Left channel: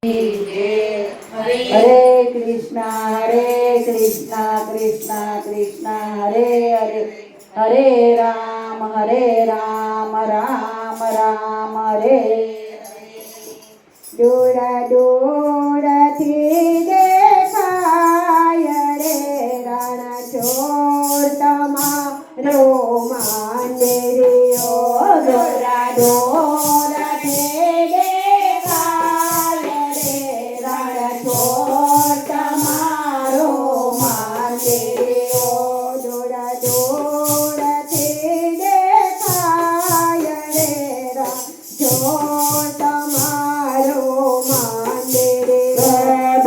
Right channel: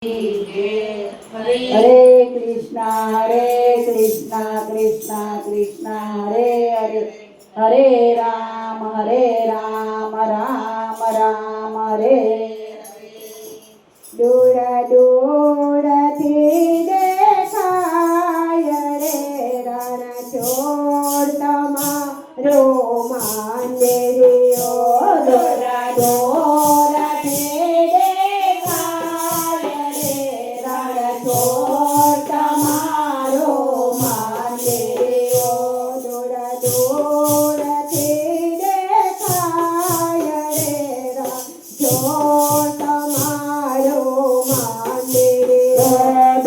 હરે કૃષ્ણ હરે કૃષ્ણ કૃષ્ણ કૃષ્ણ, હરે હરે હરે રામ હરે રામ રામ રામ, હરે દોડા, દોડાથી દેખાય રે રાણા ચોર તમારો માને રે ઓ દોડા દોડા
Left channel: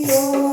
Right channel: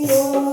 有